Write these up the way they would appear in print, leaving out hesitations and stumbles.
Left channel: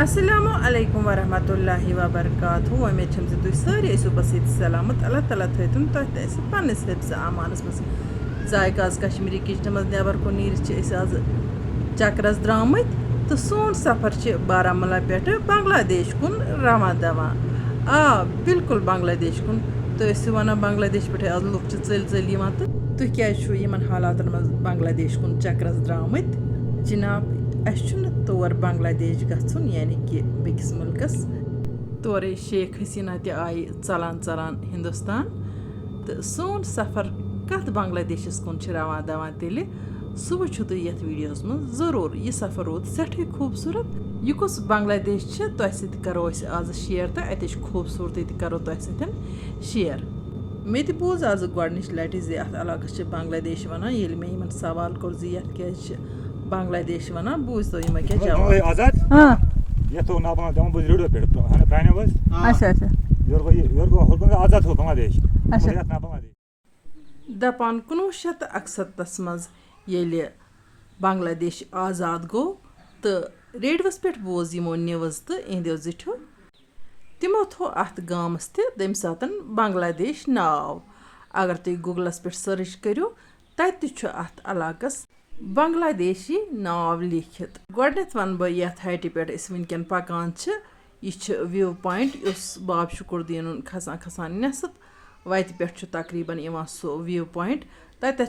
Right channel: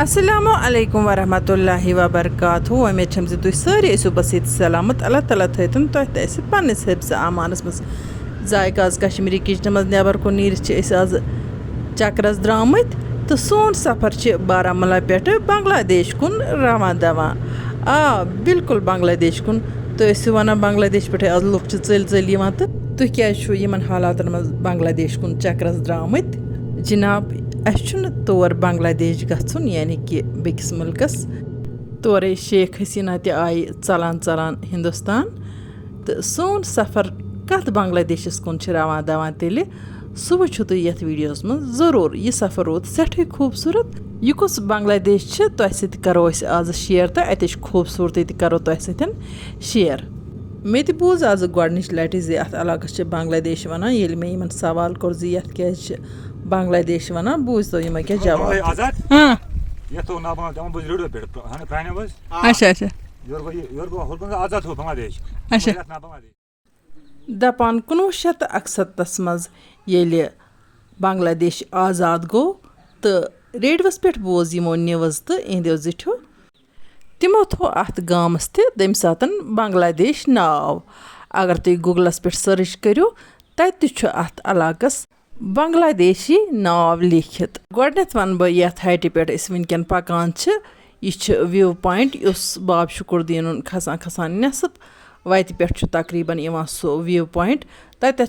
Assalamu alaikum warahmatullahi wabarakatuh. Umeed छम तुम सारे ऐसो बसीत सलामत अल्लाह ताला थन तुम पन्नस हिफ्स आमानस मज जायक आज कश्मीरी किचन मज नबर को नीर आज चक्करस द्रामत तो सोन सफर बारामुला पे बांग्लादेश कुन रवा दवा बिल्कुल बांग्लादेश कुन तो वन बांग्लादेश पे आज लुक चल चल तो तुम क्या हालात मज बांग्लादेश कुन चक्करस द्रामत जनाब तौर बांग्लादेश गन यानी कि बेकिस मुल्कस तोरे शेख हसीना आई चलान चलान हिंदुस्तान तो सोन सफ़र कत बांग्लादेशस कुन रवान दवान तेल सह वो तुम ये वीडियोस में ज़रूर यह सफ़र रोद सठे खूबसूरत यह कुछ बांग्लादेश तुम करो आज शेयर तो अत खूबसूरती करो तुम शेयर मे बूज आज गोडनिच लटि जे अत इलाकस बांग्लादेश वनान ये मे इन सवाल कोर जे ये क्या बांग्लादेश वनान बूज तो यम क्या जवाब दपान 1961 मज ये बांग्लादेश आज़ाद गो तो रेडियोस पे बोज यमो न्यूज़ तो इंदो जिठो तिमो थो अत गामस तम सात बांग्लादेश नाव अगर तुम गूगलस पे सर्च करो तत अत इलाकस बांग्लादेशी नाव लिखित गोडनेथ वन बह ये हाइटि पे वनकन पकान यह व्यू पॉइंट उस बाब शुकुरदीन खसान खसान नेसफ वत पे तकरीबन सो व्यू पॉइंट तत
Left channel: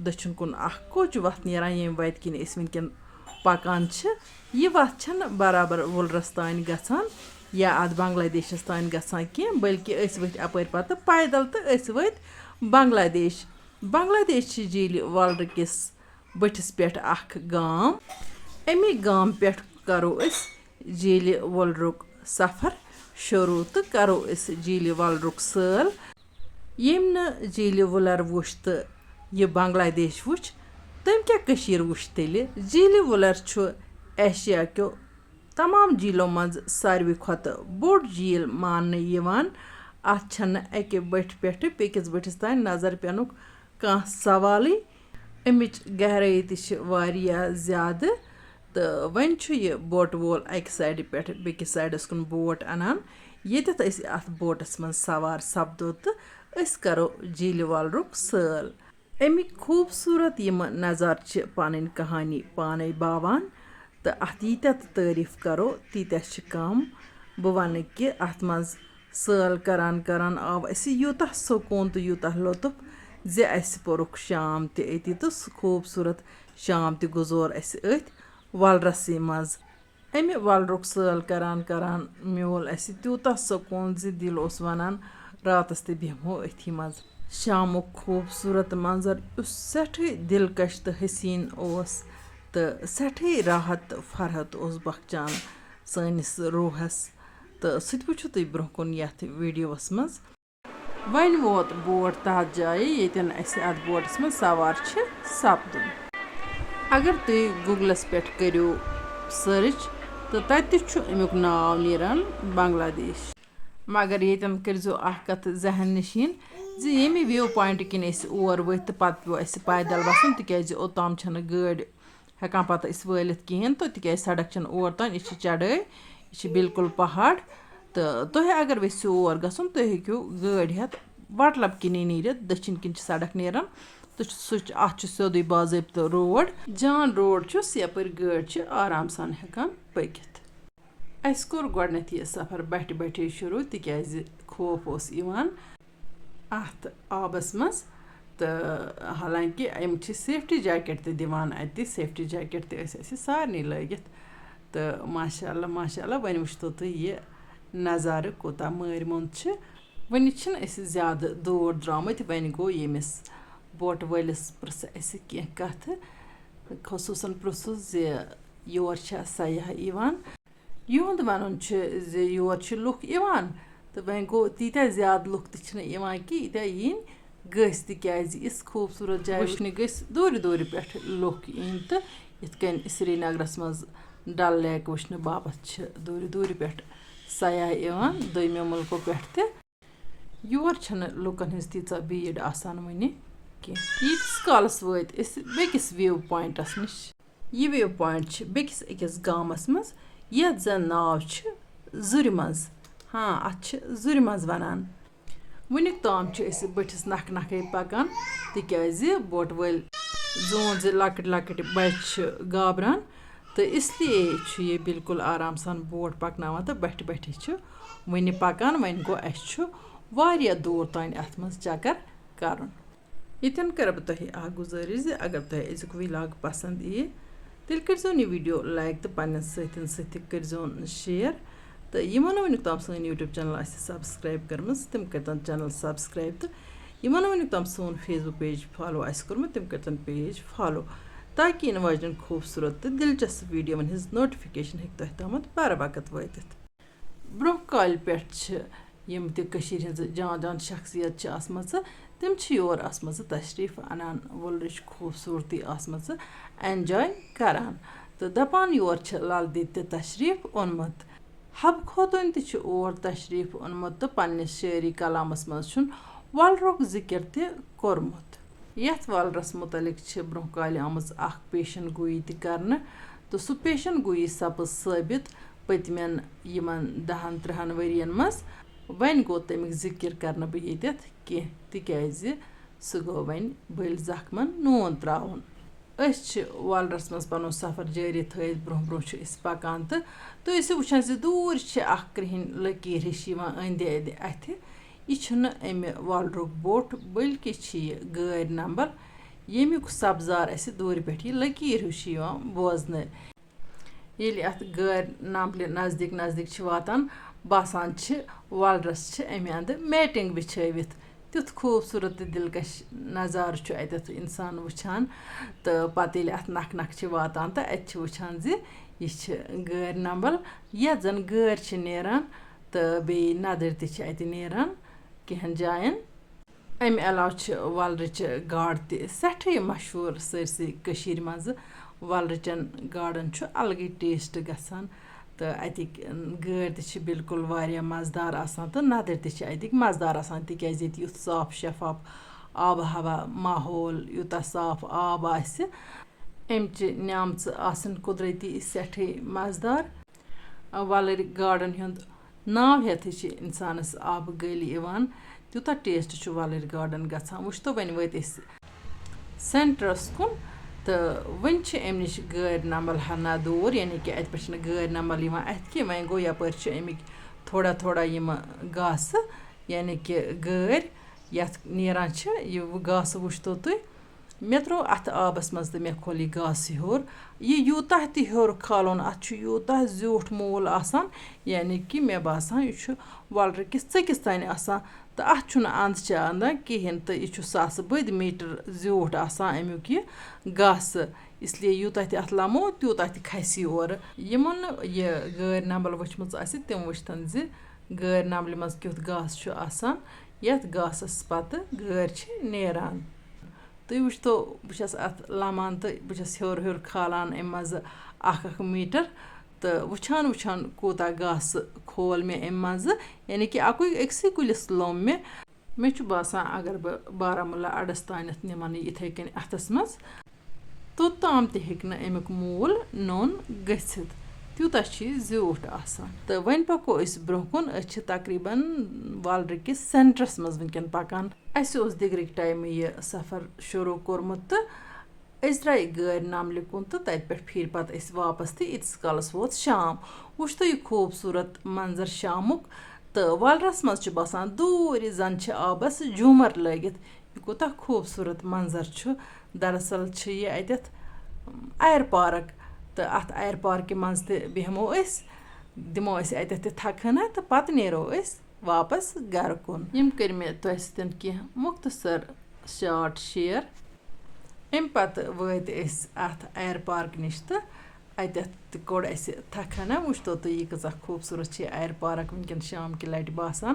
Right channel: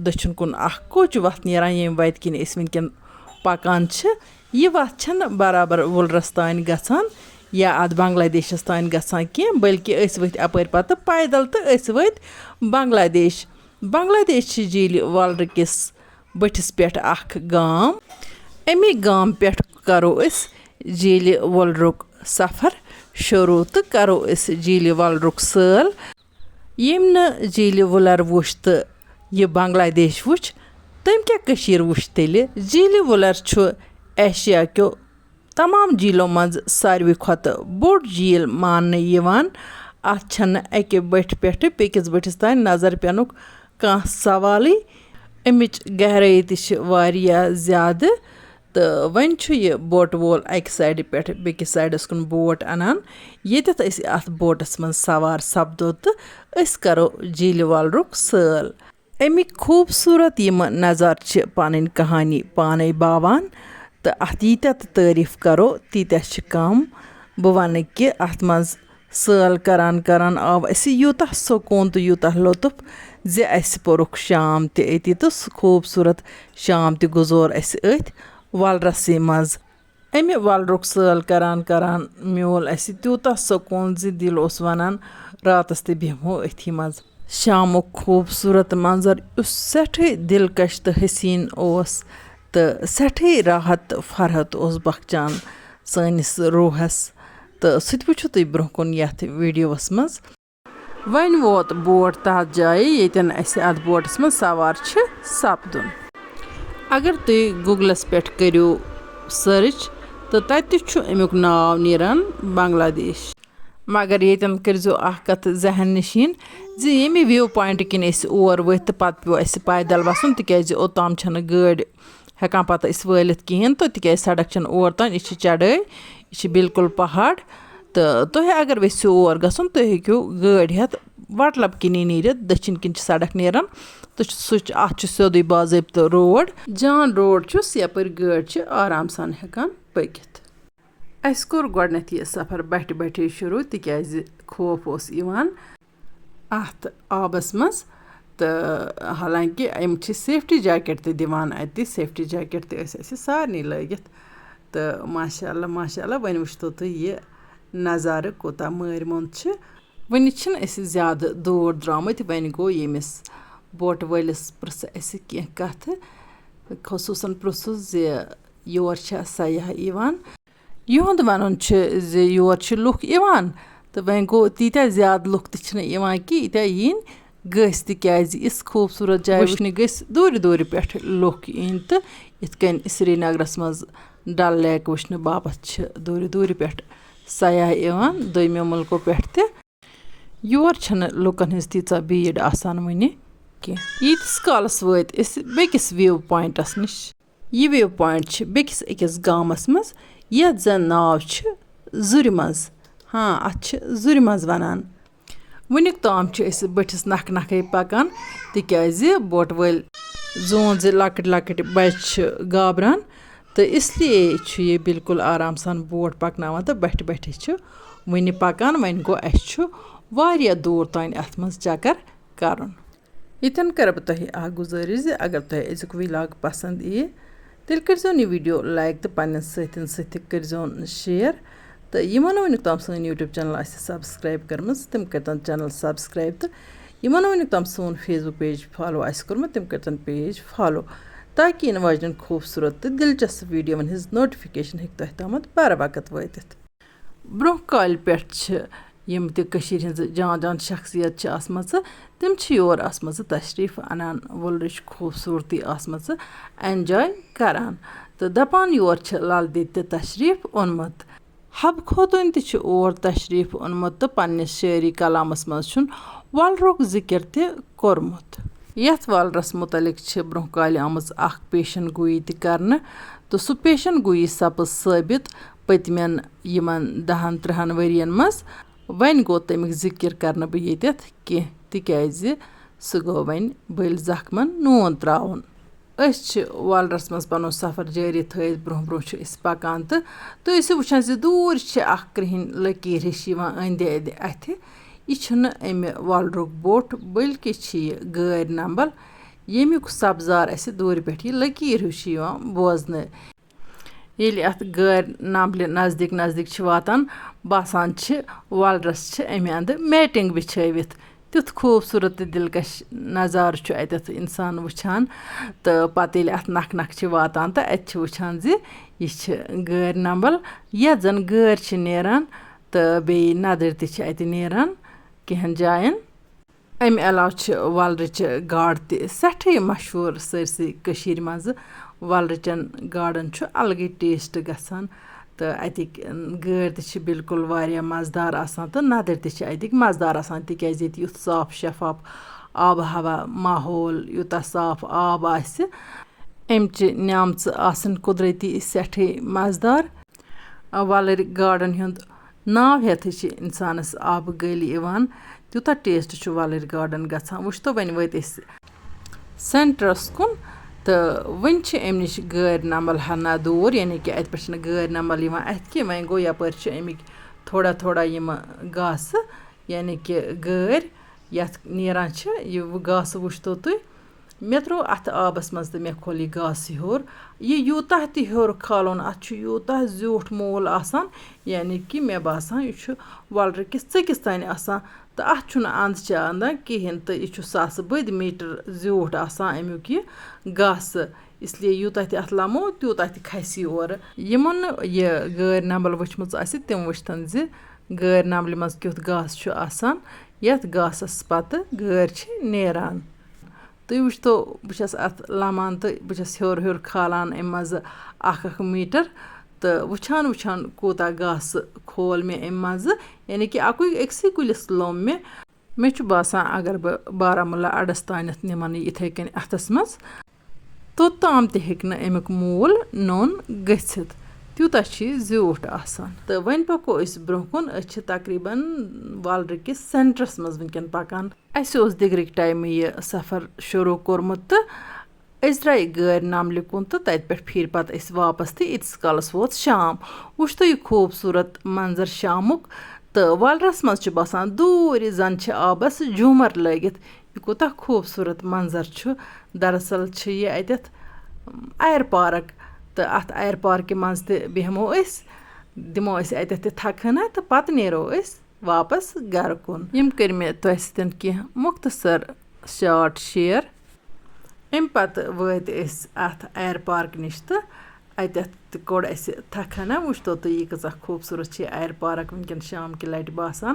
दक्षिण कुन कोच वत नीरान ये वत किन वनकन पकान यह वत बराबर वुलरस तान गसान या अत बांग्लादेशस तान गसान की बल्कि वत अपर पत पैदल तो वत बांग्लादेश बांग्लादेश झील वुलर किस बटिस पे गाम अमी गाम पे करो झील वुलरुक सफ़र शुरू तो करो झील वुलरुक सल यम न झील वुलर वुच तो यह बांग्लादेश वुच तम क्या वुच तेल झील वुलर एशिया क्यों तमाम झीलों मज सारवी खुत बोड़ झील मान अके बट पे बेकिस बटिस तान नजर पेनुक कह सवाल अमिच गहराई ज़्यादा तो वन यह बोट वोल अक साइड पे बेकिस साइडस कुन बोट अनान येत अत बोटस मन सवार सपदो तो करो झील वुलरुक सल अमिक खूबसूरत यम नज़ार पन कहानी पाने बावान तो अत यीत्या तारीफ करो तीत्या कम बह वन कि अत मज सल करान करान आव यूता सुकून तो यूता लुत्फ जे अस पोरुख शाम अति तो खूबसूरत शाम गुजोर अत वुलरस मज अमे वुलरुक सल करान करान म्योल तूता सुकून जे दिल वनान रातस ते बेहमो अथी मज शामुक खूबसूरत मंजर सठे दिलकश तो हसीन तो सठे राहत फरहत बख्चान सनिस रूहस तो सह वो तुम ब्रोह कुन ये वीडियोस मज वन वोत बोट तथ जाए येतन अत बोटस मज सवार सपदुन अगर तुम गूगलस पे करो सर्च तो तत अमुक नाव नीरान बांग्लादेश मगर येतन करो कत जहन नशीन जे ये व्यू पॉइंट किन और वत पत पे पैदल वसन तिज ओतान गाड़ी हेकान पत वलित कहें तो तिज सड़क और तान यह चढ़ाई यह बिल्कुल पहाड़ तो तुम अगर वेसो और गसन तुम हेक्यो गाड़ी हेत वटलब किन नीर दक्षिण किन सड़क नीरान तो अत सोदे बाज़ाब्त रोड जान रोड यपर गाड़ी आराम सान हेकान पकित अस कोर गोडनेथ यह सफ़र बट बटे शुरू तिज खौफ अत आबस मज तो हालांकि अम सेफ्टी जैकेट तो दिवान अत सेफ्टी जैकेट तो सारे लगित तो माशाअल्लाह माशाअल्लाह वन वो तुम यह नज़ार कोता मर मुंद वन ज़्यादा दूर द्रामत वन गो यमिस बोट वलिस प्रस कह कथ खसूसन प्रुसुस जे योर सयाह युंद वन योर लुक तो वन गो तीत्या ज़्यादा लुक कि यीत्या यीन गस तिज खूबसूरत जाय वुचन गस दूर दूर पे लुक इन तो इतकन श्रीनगरस मज डल लेक वुचन बापत दूर दूर पे सयाह दोमो मुल्कों पे योर लुकन हज तीचा भीड़ आसान वन यीतिस कालस वत बेकिस व्यू पॉइंटस निश यह व्यू पॉइंट बेकिस अकिस गामस मज یَتھ زَن ناو چھِ زُرِ منٛز. اَتھ چھِ زُرِ منٛز وَنان. وُنیُک تام چھِ أسۍ بٔٹھِس نکھٕ نکھَے پَکان تِکیٛازِ بوٹہٕ وٲلۍ زون زِ لۄکٕٹۍ لۄکٕٹۍ بَچہِ چھِ گابران تہٕ اِسلیے چھُ یہِ بِلکُل آرام سان بوٹ پَکناوان تہٕ بَٹھِ بَٹھِ چھُ وٕنہِ پَکان. وۄنۍ گوٚو اَسہِ چھُ واریاہ دوٗر تانۍ اَتھ منٛز چَکر کَرُن. ییٚتٮ۪ن کَرٕ بہٕ تۄہہِ اَکھ گُزٲرِش زِ اگر تۄہہِ أزیُک وِلاگ پَسنٛد یِیہِ تیٚلہِ کٔرۍزیون یہِ ویٖڈیو لایک تہٕ پنٛنٮ۪ن سۭتٮ۪ن سۭتۍ کٔرۍزیون شِیَر تہٕ یِمو نہٕ وٕنیُک تام سٲنۍ یوٗٹیوٗب چَنَل آسہِ سَبسکرایب کٔرمٕژ تِم کٔرۍتَن چَنَل سَبسکرایب تہٕ یِمو نہٕ وٕنیُک تام سون فیس بُک پیج فالو آسہِ کوٚرمُت تِم کٔرۍتَن پیج فالو تاکہِ یِنہٕ واجٮ۪ن خوٗبصوٗرت تہٕ دِلچسپ ویٖڈیووَن ہِنٛز نوٹِفِکیشَن ہیٚکہِ تۄہہِ تامَتھ بَرٕ وقت وٲتِتھ. برٛونٛہہ کالہِ پٮ۪ٹھ چھِ یِم تہِ کٔشیٖرِ ہِنٛزٕ جان جان شخصیت چھِ آسمَژٕ تِم چھِ یور آسمَژٕ تشریٖف اَنان وُلرٕچ خوٗبصوٗرتی آسمَژٕ اٮ۪نجاے کَران تہٕ دَپان یور چھِ لل دید تہِ تشریٖف اوٚنمُت. حبہٕ خوتوٗنۍ تہِ چھِ اور تشریٖف اوٚنمُت تہٕ پنٛنِس شٲعری کلامَس منٛز چھُن وَلرُک ذِکِر تہِ کوٚرمُت. یَتھ وَلرَس مُتعلِق چھِ برٛونٛہہ کالہِ آمٕژ اَکھ پیشَن گویی تہِ کَرنہٕ تہٕ سُہ پیشَن گویی سپٕز ثٲبِت پٔتمٮ۪ن یِمَن 10-13 ؤرِیَن منٛز. وۄنۍ گوٚو تَمیُک ذِکِر کَرنہٕ بہٕ ییٚتٮ۪تھ کینٛہہ تِکیٛازِ سُہ گوٚو وۄنۍ بٔلۍ زخمَن نوٗن ترٛاوُن. أسۍ چھِ وَلرَس منٛز پَنُن سفر جٲری تھٲیِتھ برٛونٛہہ برٛونٛہہ چھِ أسۍ پَکان تہٕ تُہۍ ٲسِو وٕچھان زِ دوٗرِ چھِ اَکھ کرٛہِنۍ لٔکیٖر ہِش یِوان أنٛدِ أنٛدِ اَتھِ. یہِ چھُنہٕ اَمہِ وَلرُک بوٚٹھ بٔلکہِ چھِ یہِ گٲرۍ نمبل ییٚمیُک سبزار اَسہِ دوٗرِ پٮ۪ٹھ یہِ لٔکیٖر ہیوٗ چھِ یِوان بوزنہٕ. ییٚلہِ اَتھ گٲرۍ نمبلہِ نزدیٖک نزدیٖک چھِ واتان باسان چھِ وَلرَس چھِ اَمہِ اَندٕ میٹِنٛگ بِچھٲوِتھ. تیُتھ خوٗبصوٗرت تہٕ دِلکش نظارٕ چھُ اَتٮ۪تھ اِنسان وٕچھان تہٕ پَتہٕ ییٚلہِ اَتھ نکھٕ نکھٕ چھِ واتان تہٕ اَتہِ چھِ وٕچھان زِ یہِ چھِ گٲرۍ نمبل یَتھ زَن گٲرۍ چھِ نیران تہٕ بیٚیہِ نَدٕرۍ تہِ چھِ اَتہِ نیران کینٛہَن جایَن. اَمہِ علاوٕ چھِ وَلرٕچہِ گاڈٕ تہِ سٮ۪ٹھٕے مشہوٗر سٲرسٕے کٔشیٖرِ منٛزٕ. وَلرٕچَن گاڈَن چھُ الگٕے ٹیسٹ گژھان تہٕ اَتِکۍ گٲرۍ تہِ چھِ بِلکُل واریاہ مَزٕدار آسان تہٕ نَدٕرۍ تہِ چھِ اَتِکۍ مَزٕدار آسان تِکیٛازِ ییٚتہِ یُتھ صاف شفاف آبہٕ ہوا ماحول یوٗتاہ صاف آب آسہِ اَمچہِ نعمژٕ آسان قُدرٔتی سٮ۪ٹھٕے مَزٕدار. وَلٕرۍ گاڈَن ہُنٛد ناو ہٮ۪تھٕے چھِ اِنسانَس آبہٕ گٔلۍ یِوان تیوٗتاہ ٹیسٹ چھُ وَلٕرۍ گاڈَن گژھان. وٕچھتو وۄنۍ وٲتۍ أسۍ سٮ۪نٹرَس کُن تہٕ وٕنۍ چھِ اَمہِ نِش گٲرۍ نمبل ہنا دوٗر یعنی کہِ اَتہِ پٮ۪ٹھ چھِنہٕ گٲرۍ نمبل یِوان اَتھِ کینٛہہ. وۄنۍ گوٚو یَپٲرۍ چھِ اَمِکۍ تھوڑا تھوڑا یِمہٕ گاسہٕ یعنی کہِ گٲرۍ یَتھ نیران چھِ یہِ گاسہٕ وٕچھتو تُہۍ. مےٚ ترٛوو اَتھ آبَس منٛز تہٕ مےٚ کھوٚل یہِ گاسہٕ ہیوٚر. یہِ یوٗتاہ تہِ ہیوٚر کھالُن اَتھ چھُ یوٗتاہ زیوٗٹھ موٗل آسان یعنی کہِ مےٚ باسان یہِ چھُ وَلرٕ کِس ژٔکِس تانۍ آسان تہٕ اَتھ چھُنہٕ اَنٛدٕ چاندان کِہیٖنۍ تہٕ یہِ چھُ ساسہٕ بٔدۍ میٖٹر زیوٗٹھ آسان اَمیُک یہِ گاسہٕ. اِسلیے یوٗتاہ تہِ اَتھ لَمو تیوٗتاہ تہِ کھسہِ یہِ اورٕ. یِمو نہٕ یہِ گٲرۍ نمبل وٕچھمٕژ آسہِ تِم وٕچھتَن زِ گٲرۍ نمبلہِ منٛز کیُتھ گاسہٕ چھُ آسان یَتھ گاسَس پَتہٕ گٲرۍ چھِ نیران. تُہۍ وٕچھتو بہٕ چھَس اَتھ لَمان تہٕ بہٕ چھَس ہیوٚر ہیوٚر کھالان اَمہِ منٛزٕ اَکھ میٖٹر تہٕ وٕچھان وٕچھان کوٗتاہ گاسہٕ کھول مےٚ اَمہِ منٛزٕ یعنی کہِ أکسٕے کُلِس لوٚم مےٚ چھُ باسان اگر بہٕ بارہمولہ اَڈَس تانٮ۪تھ نِمَن یہِ یِتھَے کٔنۍ اَتھَس منٛز توٚتام تہِ ہیٚکہِ نہٕ اَمیُک موٗل نوٚن گٔژھِتھ تیوٗتاہ چھُ یہِ زیوٗٹھ آسان. تہٕ وۄنۍ پَکو أسۍ برٛونٛہہ کُن. أسۍ چھِ تقریٖباً وَلرٕ کِس سٮ۪نٹرَس منٛز وٕنۍکٮ۪ن پَکان. اَسہِ اوس دِگرٕکۍ ٹایمہٕ یہِ سفر شروٗع کوٚرمُت تہٕ أسۍ درٛاے گٲرۍ نمبلہِ کُن تہٕ تَتہِ پٮ۪ٹھ پھیٖرۍ پَتہٕ أسۍ واپَس تہٕ ییٖتِس کالَس ووت شام. وٕچھتو یہِ خوٗبصوٗرت منظر شامُک تہٕ وَلرَس منٛز چھُ باسان دوٗرِ زَن چھِ آبَس جوٗمَر لٲگِتھ. یہِ کوٗتاہ خوٗبصوٗرت منظر چھُ. دراصل چھِ یہِ اَتٮ۪تھ اَیَر پارک تہٕ اَتھ اَیَر پارکہِ منٛز تہِ بیٚہمو أسۍ دِمو أسۍ اَتٮ۪تھ تہِ تھکہٕ ہنا تہٕ پَتہٕ نیرو أسۍ واپَس گَرٕ کُن. یِم کٔرۍ مےٚ تۄہہِ سۭتۍ کینٛہہ مُختصر شاٹ شِیَر. اَمہِ پَتہٕ وٲتۍ أسۍ اَتھ اَیَر پارک نِش تہٕ اَتٮ۪تھ تہِ کوٚڑ اَسہِ تھکہٕ ہنا. وٕچھتو تُہۍ یہِ کۭژاہ خوٗبصوٗرت چھِ اَیَر پارک وٕنۍکٮ۪ن شام کہِ لَٹہِ باسان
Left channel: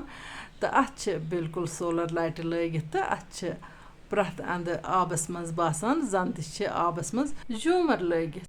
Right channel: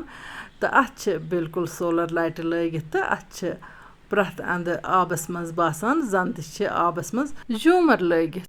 تہٕ اَتھ چھِ بِلکُل سولَر لایٹہِ لٲگِتھ تہٕ اَتھ چھِ پرٛٮ۪تھ اَندٕ آبَس منٛز باسان زَن تہِ چھِ آبَس منٛز جوٗمَر لٲگِتھ.